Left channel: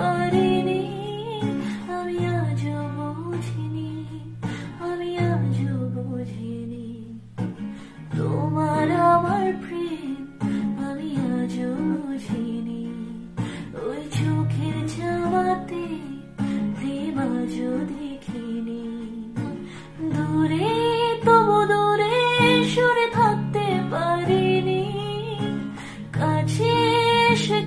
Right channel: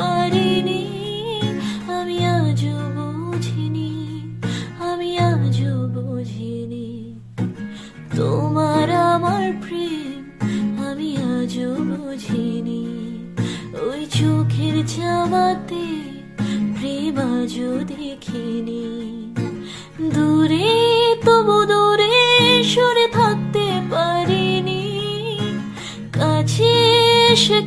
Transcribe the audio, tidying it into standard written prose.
পারিনি, আমি আজও বুঝিনি, আমি আজও বুঝিনি তোমার আমার প্রেম, আমি আজও বুঝিনি। ওই চোখের চাওয়াতে প্রেম আজও দেখিনি। দূরে তবু দূরে সরে থাকতে পারিনি, কাছে এসে